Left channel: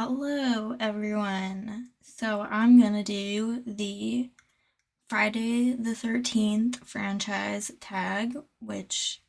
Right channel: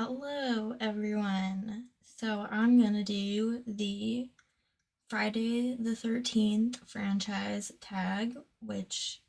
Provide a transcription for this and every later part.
Hello, everyone. So I'm gonna do the Friday the 13th franchise tag, which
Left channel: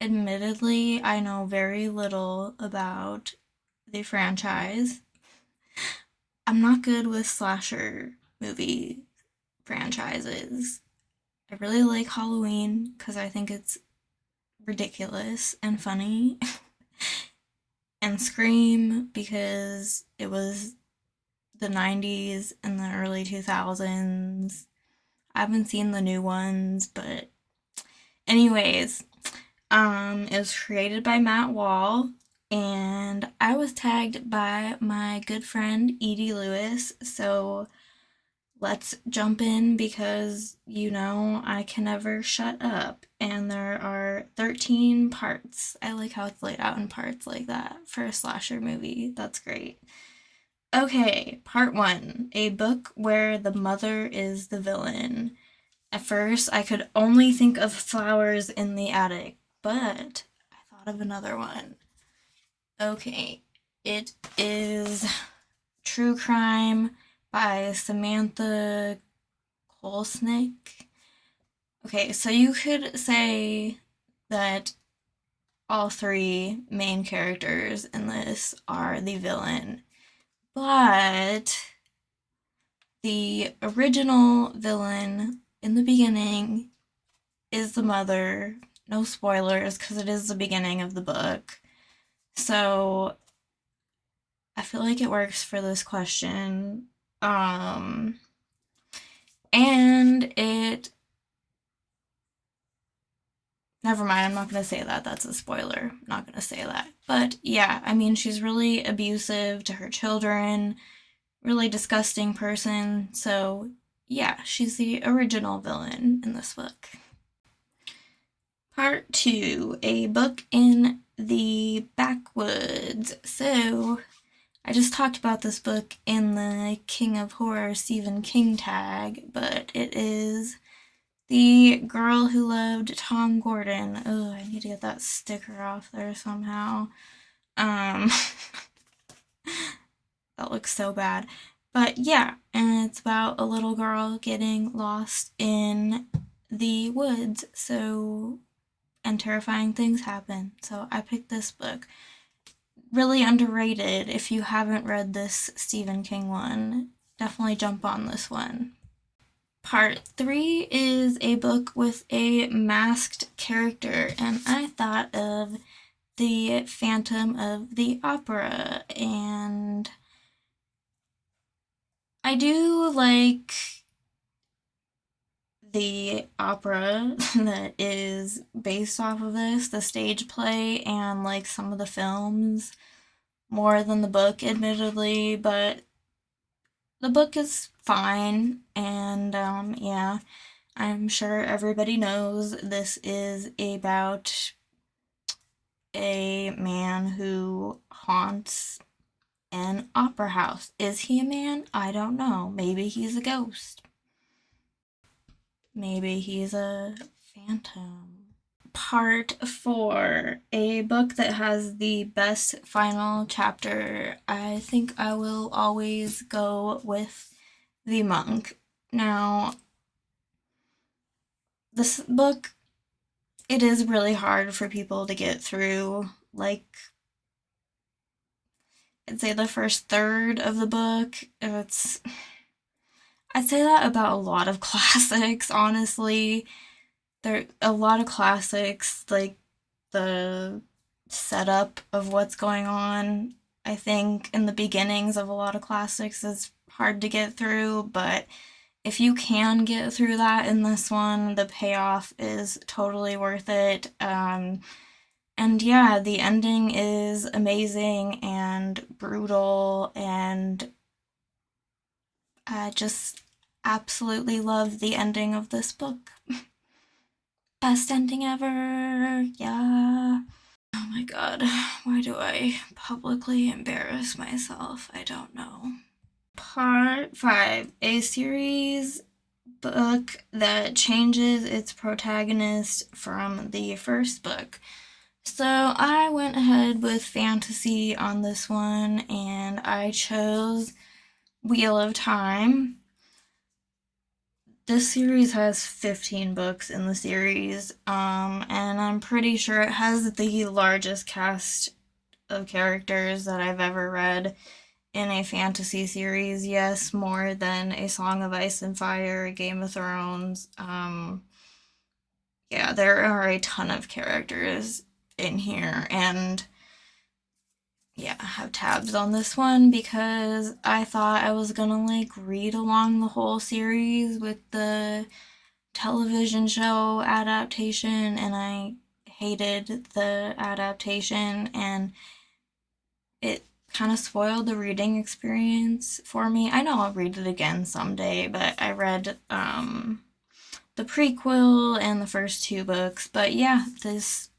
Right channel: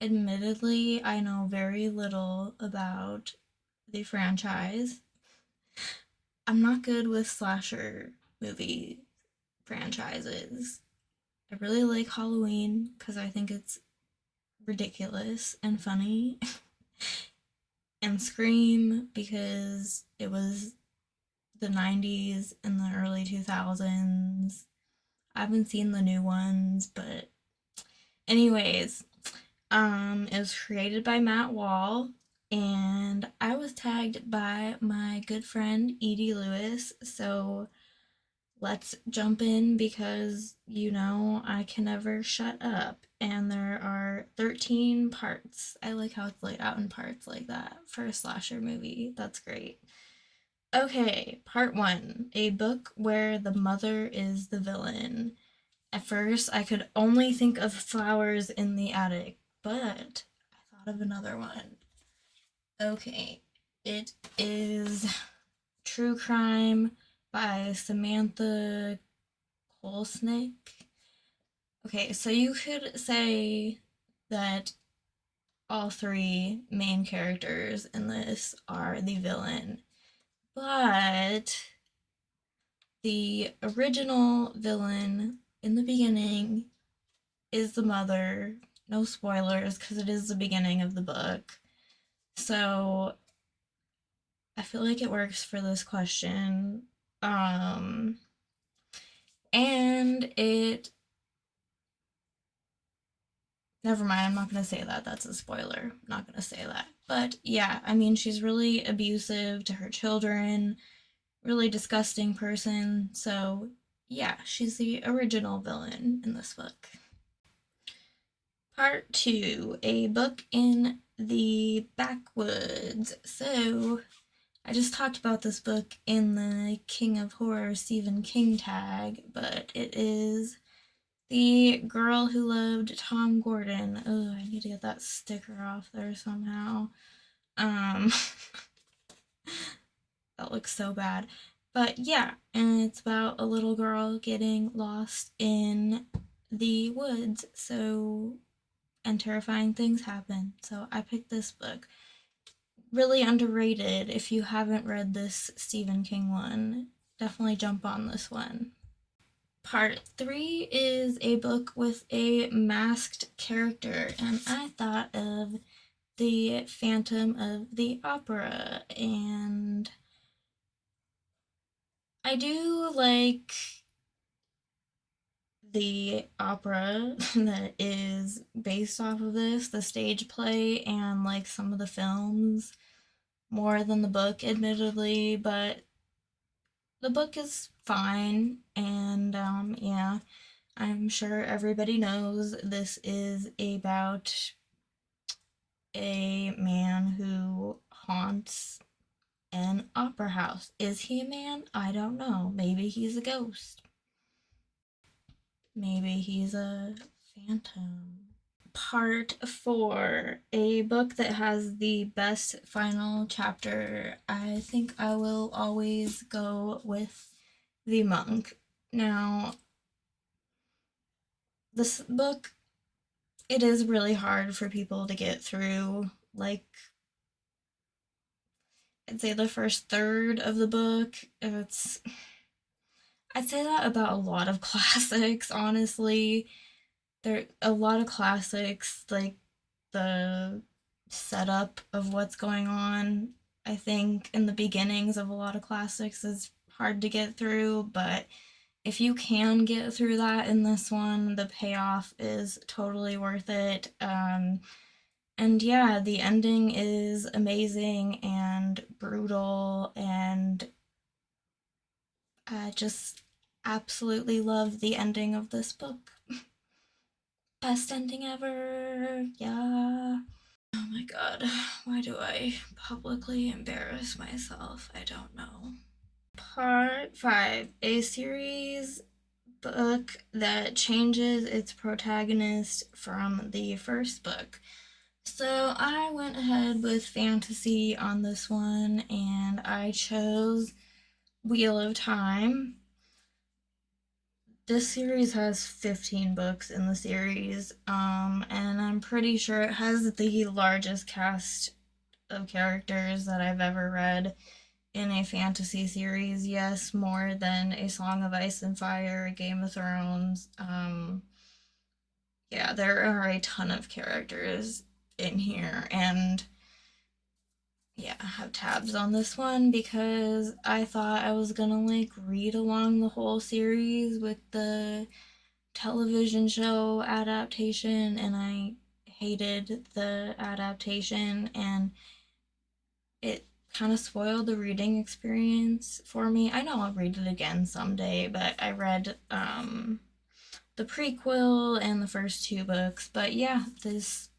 admittedly I know very little about the franchise. I'm not good with slasher movie franchises. I really like Halloween because I think it's ridiculous and funny, and Scream because it was the 90s and the early 2000s. I haven't seen the new ones, but anyways, it was created by Matt Wall, and I was tagged by my good friend Edie Lewis. So let's jump in because I can never shut up. And there are 13 parts. I like how it's laid out in parts like that for a slasher movie. That's great. Okay, part one, a book where the mother is the villain. At first, I could only think of Flowers in the Attic, but I thought of another one. Okay, it is True Crime by Samantha Kolsnick. Okay, so you could say that all three main characters in this are the villain, but the original villain in the beginning is the mother. No spoilers because it is the beginning of the book. So I feel like it works for this question. Um, and it. Never mind, I'm not gonna say that. That's a spoiler. I'm not gonna say that. But yeah, I mean, she's really abusive to her children, really disgusting person. So yeah, she's the original villain in this book. Part two, a book in the backwoods. So, I just talked about this book in the King of Horror Stephen King tag, but it is The Girl Who Loved Tom Gordon. Oh, I need to get that sticker off there somehow. Um, that looks so bad. But yeah, and it's about a little girl getting lost in the woods. And terrifying things happen. So I picked this book. Really underrated. If you haven't read this Stephen King one, definitely jump on this one. Part three is a book with a masked character, and I thought of the Phantom of the Opera, and I do like the opera that is based off of this, the stage play, and like some of the films more than the book, admittedly, but the book is fine. And yeah, I'm sure everybody knows this is about a man who haunts an opera house. Is he a man? I don't know. Maybe he's a ghost. Maybe he's a phantom. Part four, a book that has the best final chapter. I think I will always go with The Monk. Now, this book, it is really hard for people to get through. Like, I'd say the first third of the book, I'd say that about a lot of classics, honestly. There are a lot of classics, like the setup of what's going on, I think, in the beginnings of a lot of classics is hard to get through, but if you can get through that in this one, the payoff is totally worth it. And yeah, the ending is amazing and brutal, and I just absolutely love the ending of this book. Best ending ever. Yeah. Oh my god, why do I publicly embarrass myself? I don't know. Part 5, a series book that changes its protagonist from the first book. So I went ahead with fantasy on this one and I chose Wheel of Time. This series has 15 books in the series, and I'm pretty sure it has the largest cast of characters that I've ever read in a fantasy series. Yes, more than A Song of Ice and Fire, Game of Thrones. Yeah, there are a ton of characters in here, and yeah, I have tabs on this one because I thought I was gonna like read along the whole series with the television show adaptation, and I hated the adaptation, and it kind of spoiled the reading experience for me. I know I'll read it again someday, but I read the prequel and the first two books. But yeah, this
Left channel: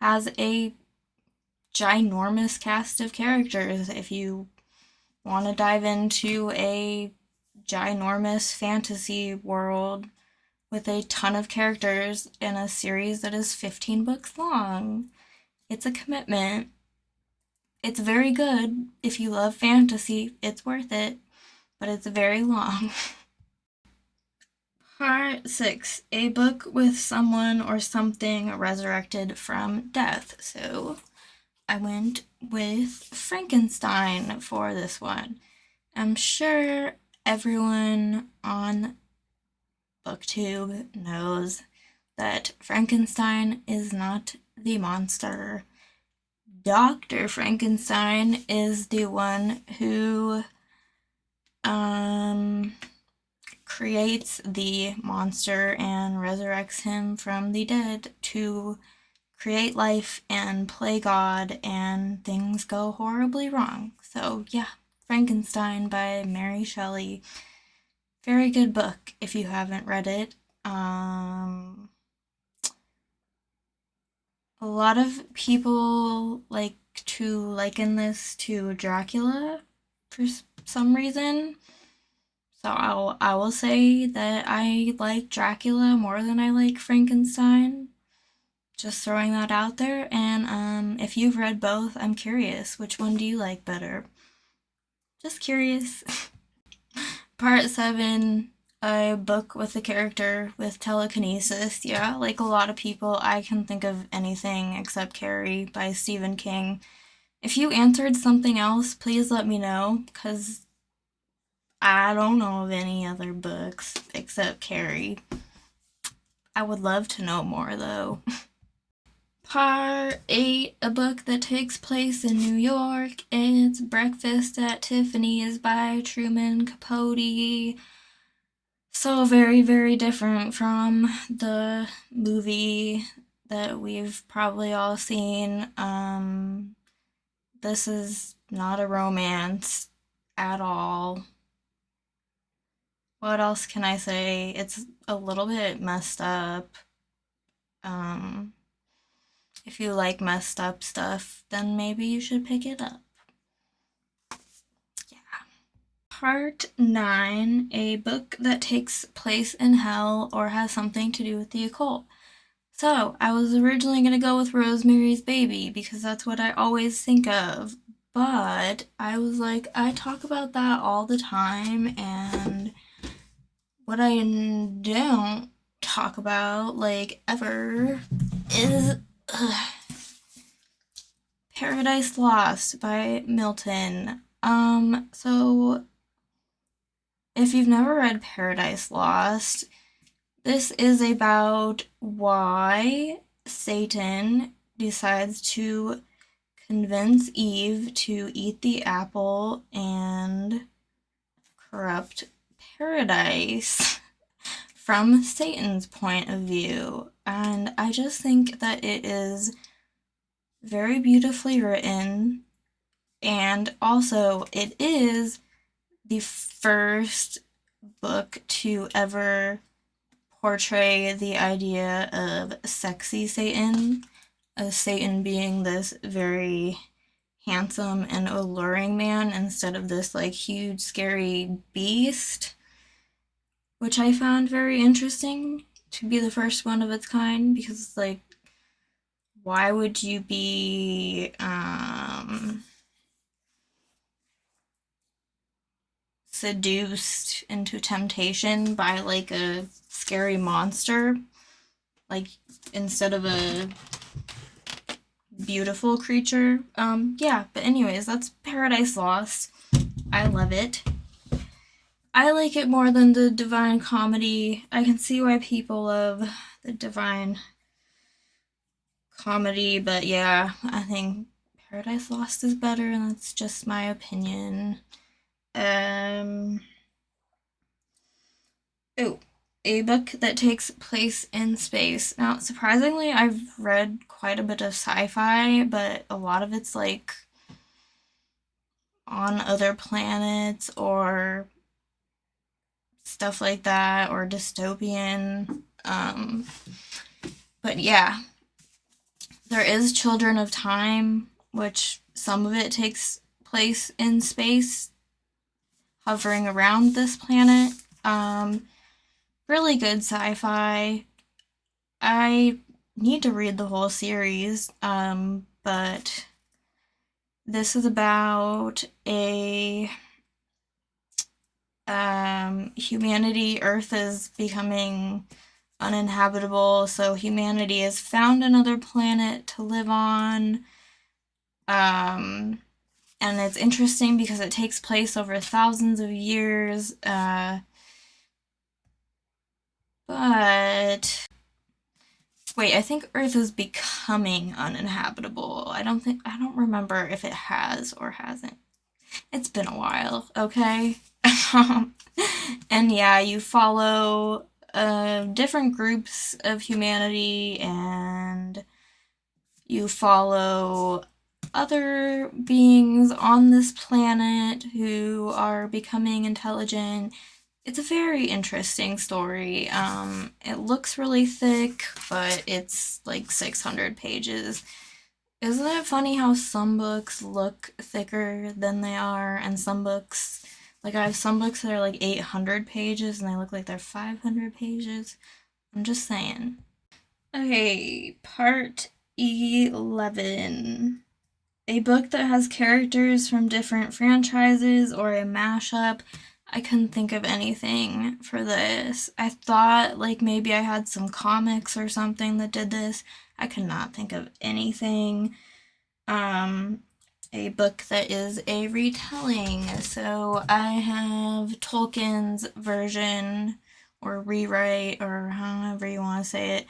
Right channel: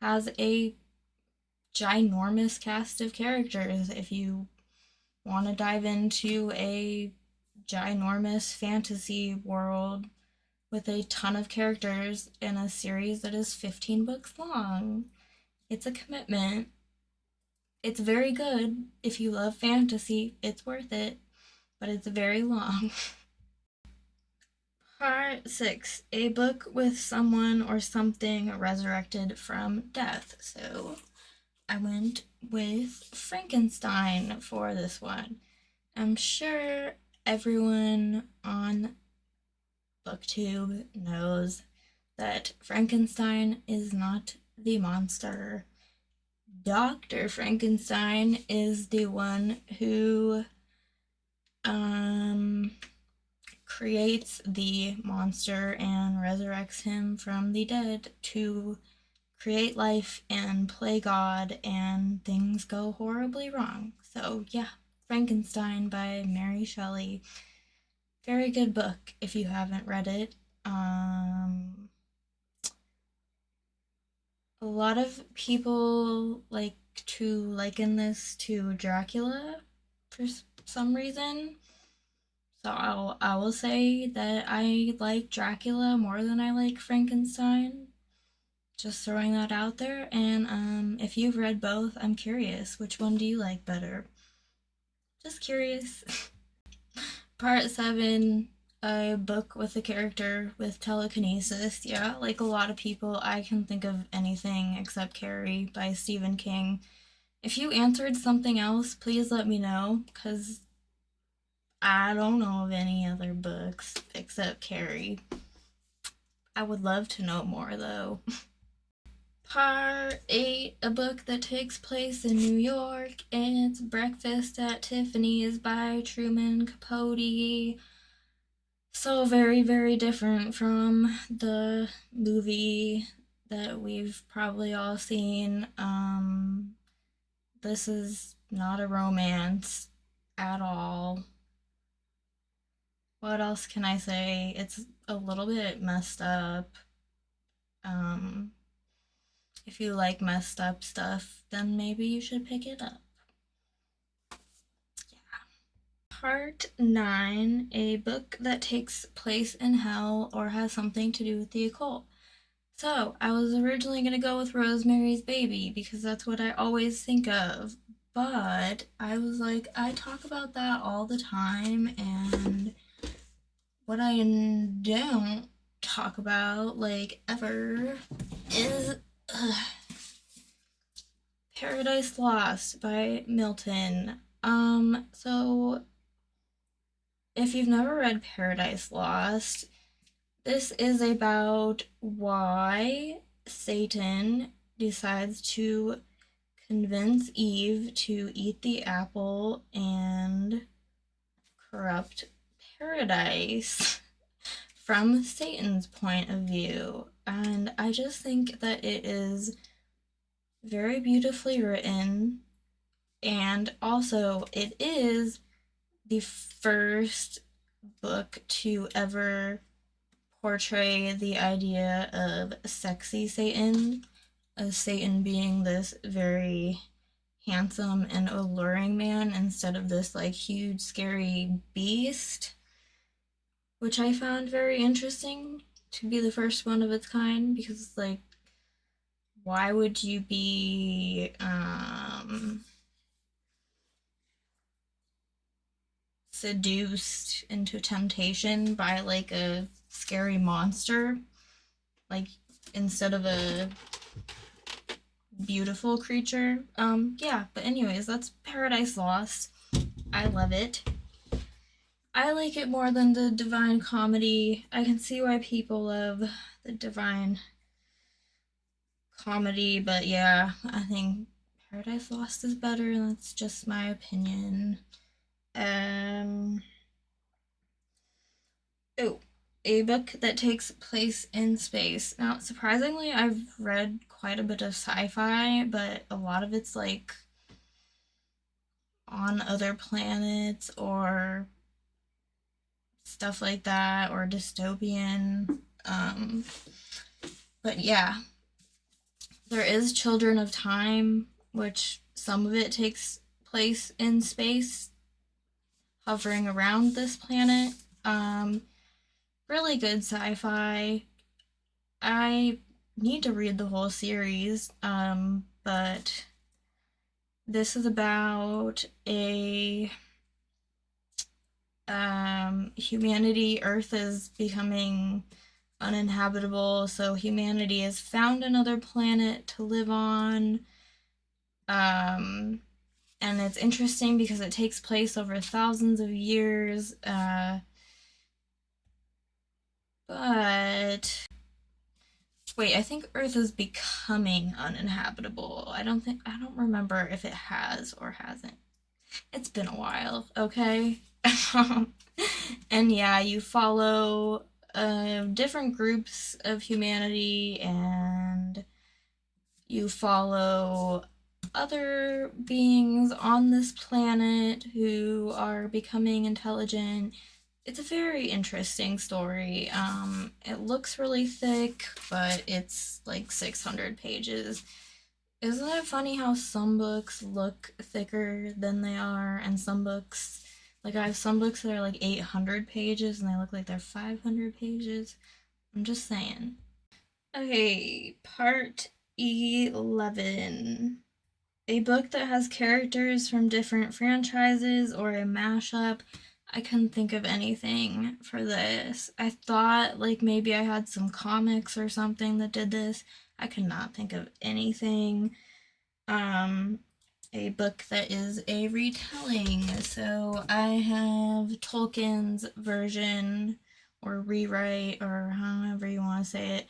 has a ginormous cast of characters. If you want to dive into a ginormous fantasy world with a ton of characters in a series that is 15 books long, it's a commitment. It's very good. If you love fantasy, it's worth it, but it's very long. Part 6, a book with someone or something resurrected from death. So I went with Frankenstein for this one. I'm sure everyone on BookTube knows that Frankenstein is not the monster. Dr. Frankenstein is the one who um, creates the monster and resurrects him from the dead to create life and play God, and things go horribly wrong. So, yeah, Frankenstein by Mary Shelley. Very good book if you haven't read it. A lot of people like to liken this to Dracula for some reason. So I will say that I like Dracula more than I like Frankenstein. Just throwing that out there. And if you've read both, I'm curious. Which one do you like better? Just curious. Part 7, a book with a character with telekinesis. Yeah, like a lot of people, I can think of anything except Carrie by Stephen King. If you answered something else, please let me know, because I don't know of any other books except Carrie. I would love to know more though. Part 8, a book that takes place in New York. It's Breakfast at Tiffany's by Truman Capote. So very, very different from the movie that we've probably all seen. This is not a romance at all. What else can I say? It's a little bit messed up. Um, if you like messed up stuff, then maybe you should pick it up. Yeah. Part 9, a book that takes place in hell or has something to do with the occult. So, I was originally going to go with Rosemary's Baby because that's what I always think of. But I was like, I talk about that all the time, and what I don't talk about, like, ever, is Paradise Lost by Milton. So if you've never read Paradise Lost, this is about why Satan decides to convince Eve to eat the apple and corrupt paradise from Satan's point of view. And I just think that it is very beautifully written, and also it is the first book to ever portray the idea of sexy Satan, as Satan being this very handsome and alluring man instead of this like huge scary beast, which I found very interesting to be the first one of its kind, because like why would you be seduced into temptation by like a scary monster, like instead of a beautiful creature? Yeah, but anyways, that's Paradise Lost. I love it. I like it more than the Divine Comedy. I can see why people love the Divine Comedy, but yeah, I think Paradise Lost is better, and that's just my opinion. Um, oh, a book that takes place in space. Now, surprisingly, I've read quite a bit of sci-fi, but a lot of it's like on other planets or stuff like that, or dystopian. But yeah, there is Children of Time, which some of it takes place in space, hovering around this planet. Um, Really good sci-fi. I need to read the whole series, but this is about a humanity. Earth is becoming uninhabitable, so humanity has found another planet to live on. Um, and it's interesting because it takes place over thousands of years. But wait, I think Earth is becoming uninhabitable. I don't remember if it has or hasn't. It's been a while, okay? And yeah, you follow different groups of humanity, and you follow other beings on this planet who are becoming intelligent. It's a very interesting story. It looks really thick, but it's like 600 pages. Isn't it funny how some books look thicker than they are, and some books, like I have some books that are like 800 pages and they look like they're 500 pages? I'm just saying. Okay, part 11. A book that has characters from different franchises or a mashup. I couldn't think of anything for this. I thought like maybe I had some comics or something that did this. I could not think of anything. Um, a book that is a retelling. So I have Tolkien's version or rewrite or however you want to say it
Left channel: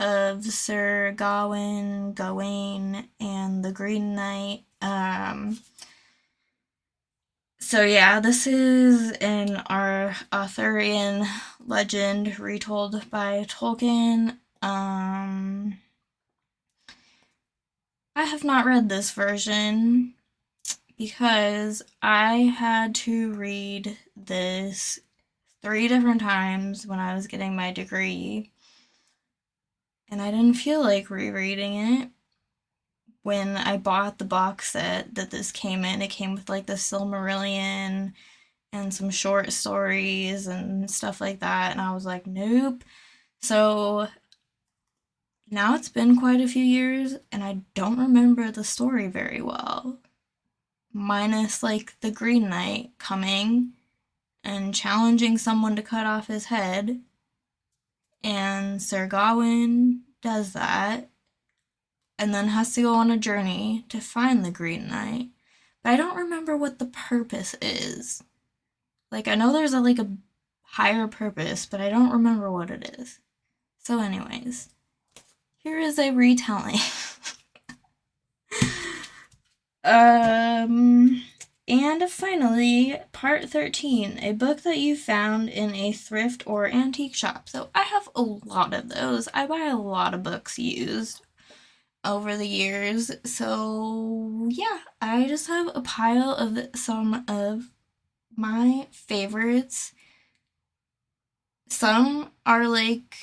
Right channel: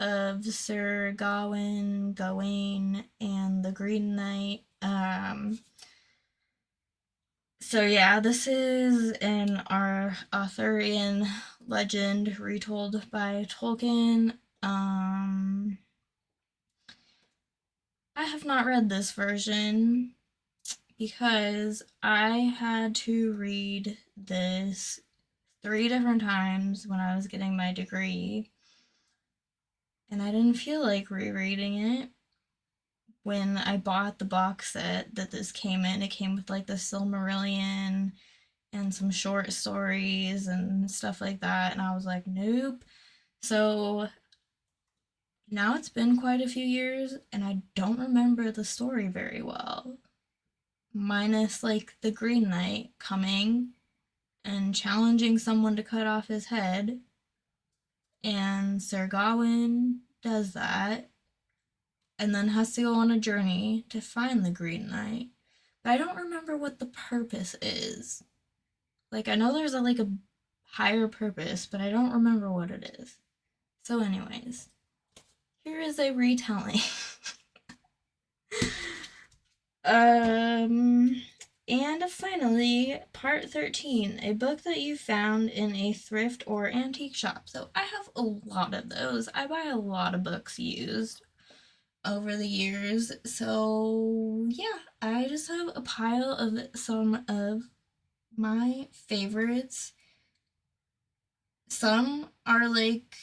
of Sir Gawain, and the Green Knight. So yeah, this is an Arthurian legend retold by Tolkien. I have not read this version because I had to read this 3 different times when I was getting my degree, and I didn't feel like rereading it. When I bought the box set that this came in, it came with like the Silmarillion and some short stories and stuff like that, and I was like, nope. So now it's been quite a few years, and I don't remember the story very well. Minus like the Green Knight coming and challenging someone to cut off his head, and Sir Gawain does that, and then has to go on a journey to find the Green Knight. But I don't remember what the purpose is. Like I know there's a higher purpose, but I don't remember what it is. So anyways, here is a retelling. And finally, part 13, a book that you found in a thrift or antique shop. So I have a lot of those. I buy a lot of books used over the years. So yeah, I just have a pile of some of my favorites. Some are like,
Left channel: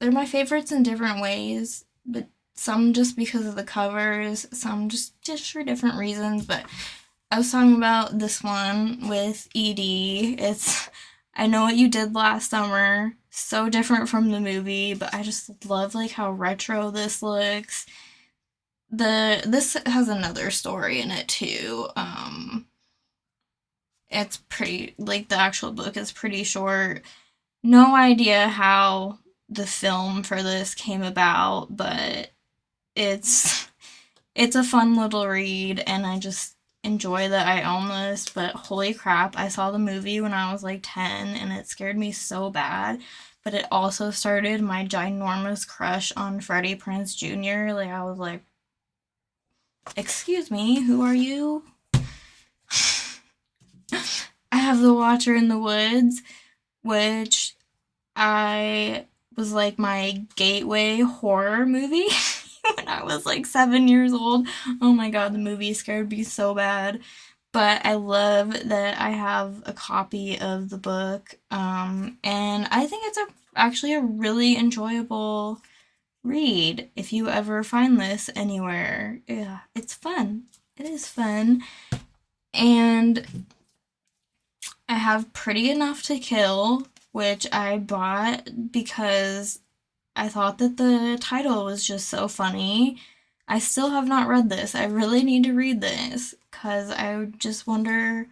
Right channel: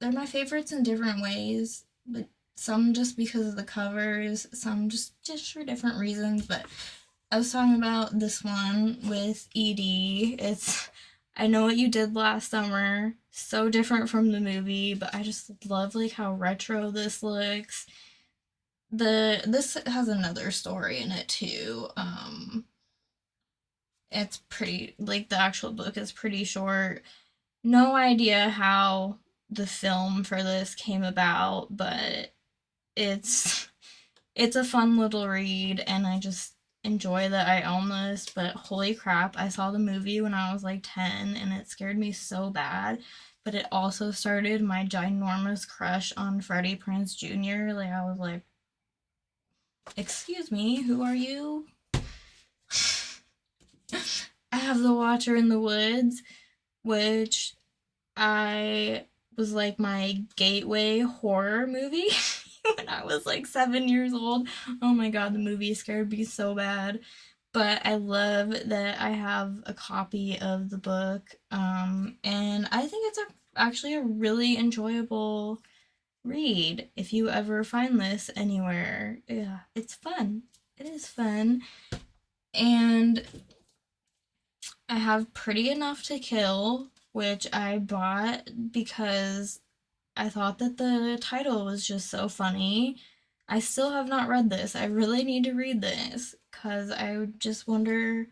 they're my favorites in different ways, but some just because of the covers, some just for different reasons. But I was talking about this one with Edie. It's I Know What You Did Last Summer. So different from the movie, but I just love like how retro this looks. This has another story in it too. It's pretty, like, the actual book is pretty short. No idea how the film for this came about, but it's it's a fun little read, and I just enjoy that I own this. But holy crap, I saw the movie when I was like 10 and it scared me so bad. But it also started my ginormous crush on Freddie Prinze Jr. Like, I was like, excuse me, who are you? I have The Watcher in the Woods, which I was like my gateway horror movie when I was like 7 years old. Oh my god, the movie scared me so bad. But I love that I have a copy of the book, and I think it's actually a really enjoyable read if you ever find this anywhere. Yeah, it's fun. It is fun. And I have Pretty Enough to Kill, which I bought because I thought that the title was just so funny. I still have not read this. I really need to read this because I just wonder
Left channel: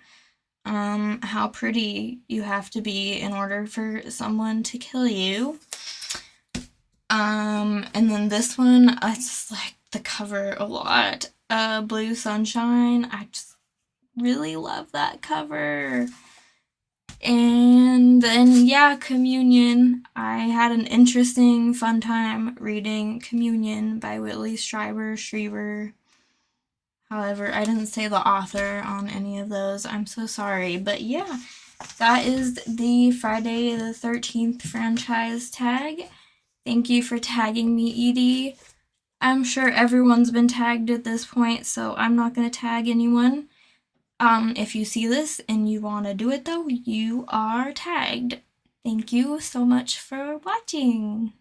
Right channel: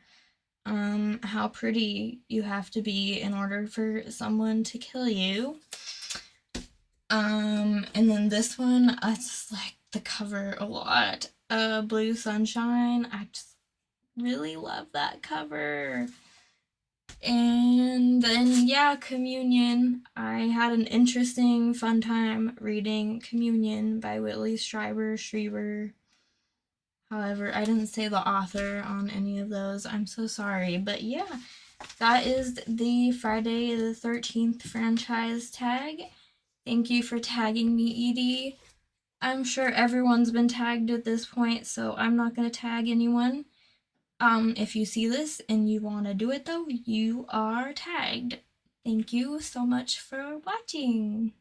how pretty you have to be in order for someone to kill you. And then this one, I just like the cover a lot. Blue Sunshine. I just really love that cover. And then, yeah, Communion. I had an interesting, fun time reading Communion by Whitley Strieber. However, I didn't say the author on any of those. I'm so sorry. But yeah, that is the Friday the 13th franchise tag. Thank you for tagging me, Edie. I'm sure everyone's been tagged at this point, so I'm not going to tag anyone. If you see this and you want to do it though, you are tagged. Thank you so much for watching.